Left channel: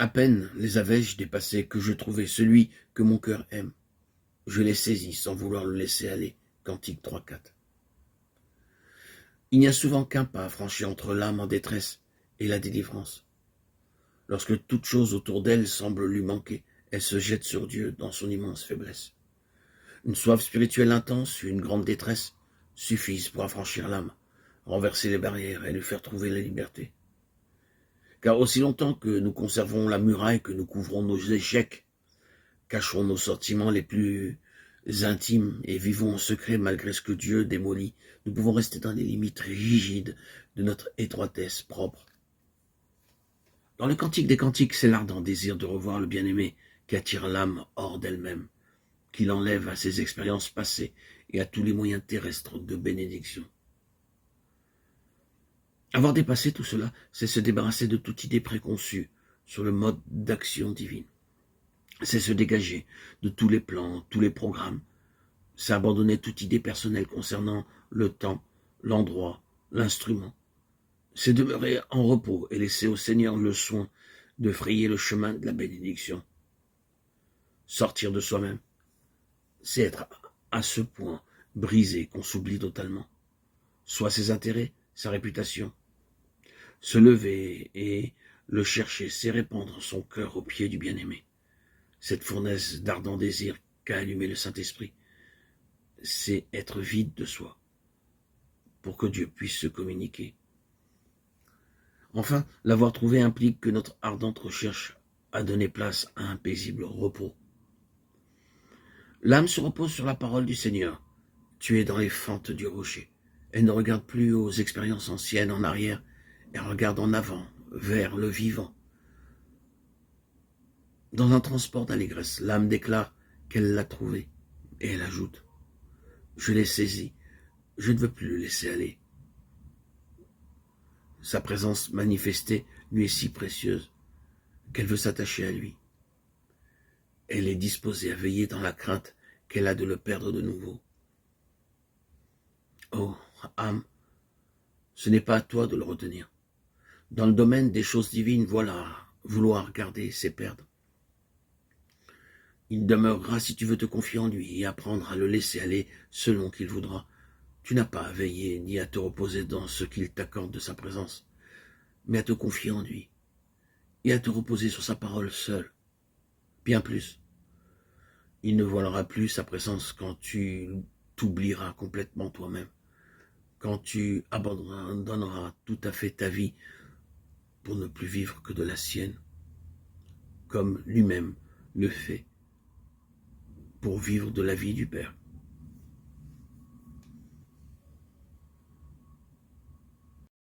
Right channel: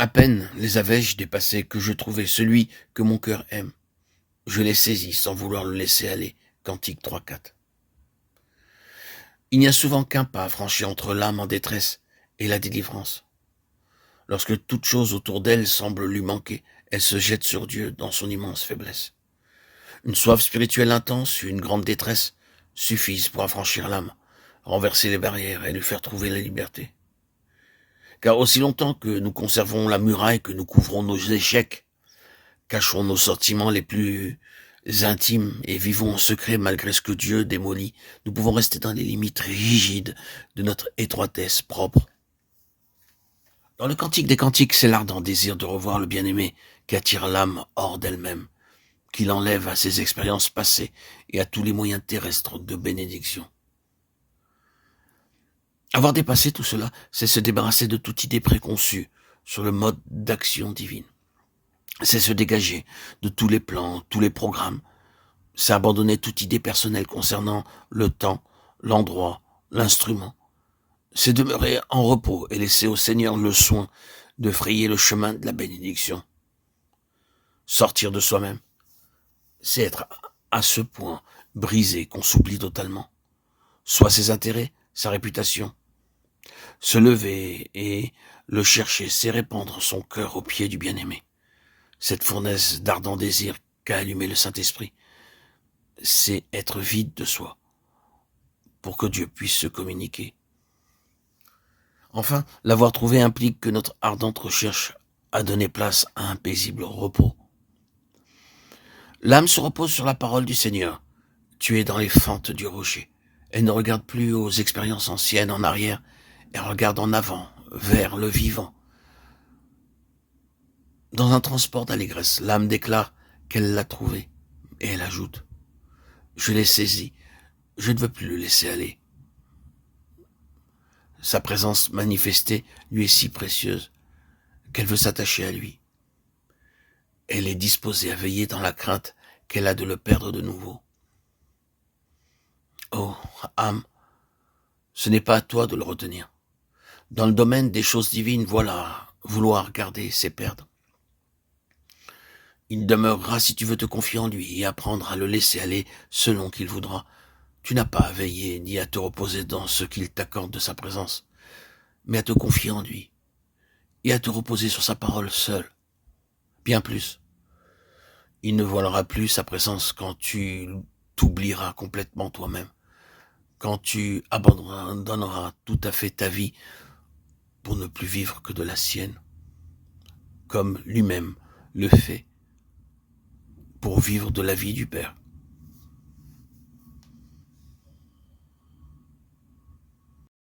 À peine les avais-je dépassés que je trouvai celui que mon cœur aime. Je l'ai saisi sans vouloir le laisser aller. Cantique 3-4. Il n'y a souvent qu'un pas franchi entre l'âme en détresse et la délivrance. Lorsque toute chose autour d'elle semble lui manquer, elle se jette sur Dieu dans son immense faiblesse. Une soif spirituelle intense, une grande détresse suffisent pour affranchir l'âme, renverser les barrières et lui faire trouver la liberté. Car aussi longtemps que nous conservons la muraille, que nous couvrons nos échecs, cachons nos sentiments les plus intimes et vivons en secret malgré ce que Dieu démolit, nous pouvons rester dans les limites rigides de notre étroitesse propre. Dans le Cantique des Cantiques, c'est l'ardent désir de revoir le bien-aimé qui attire l'âme hors d'elle-même, qui l'enlève à ses expériences passées et à tous les moyens terrestres de bénédiction. Avoir dépassé tout cela, c'est se débarrasser de toute idée préconçue sur le mode d'action divine. C'est se dégager de tous les plans, tous les programmes. C'est abandonner toute idée personnelle concernant le temps, l'endroit, l'instrument. C'est demeurer en repos et laisser au Seigneur le soin de frayer le chemin de la bénédiction. Sortir de soi-même, c'est être à ce point brisé qu'on s'oublie totalement. Soit ses intérêts, sa réputation. Se lever et le chercher, c'est répandre son cœur aux pieds du bien-aimé. Cette fournaise d'ardent désir qu'a allumé le Saint-Esprit, c'est être vide de soi pour que Dieu puisse se communiquer. Enfin, l'avoir trouvé implique que notre ardente recherche a donné place à un paisible repos. L'âme se repose sur la parole du Seigneur. Tu es dans les fentes du rocher. Elle ne regarde plus aux expériences anciennes en arrière, elle regarde en avant, vers le vivant. Dans un transport d'allégresse, l'âme déclare qu'elle l'a trouvé, et elle ajoute « Je l'ai saisi, je ne veux plus le laisser aller ». Sa présence manifestée lui est si précieuse qu'elle veut s'attacher à lui. Elle est disposée à veiller dans la crainte qu'elle a de le perdre de nouveau. Oh, âme, ce n'est pas à toi de le retenir. Dans le domaine des choses divines, voilà, vouloir garder, c'est perdre. Il demeurera si tu veux te confier en lui et apprendre à le laisser aller selon qu'il voudra. Tu n'as pas à veiller ni à te reposer dans ce qu'il t'accorde de sa présence, mais à te confier en lui et à te reposer sur sa parole seule. Bien plus, il ne voilera plus sa présence quand tu t'oublieras complètement toi-même, quand tu abandonneras tout à fait ta vie pour ne plus vivre que de la sienne, comme lui-même le fait pour vivre de la vie du Père.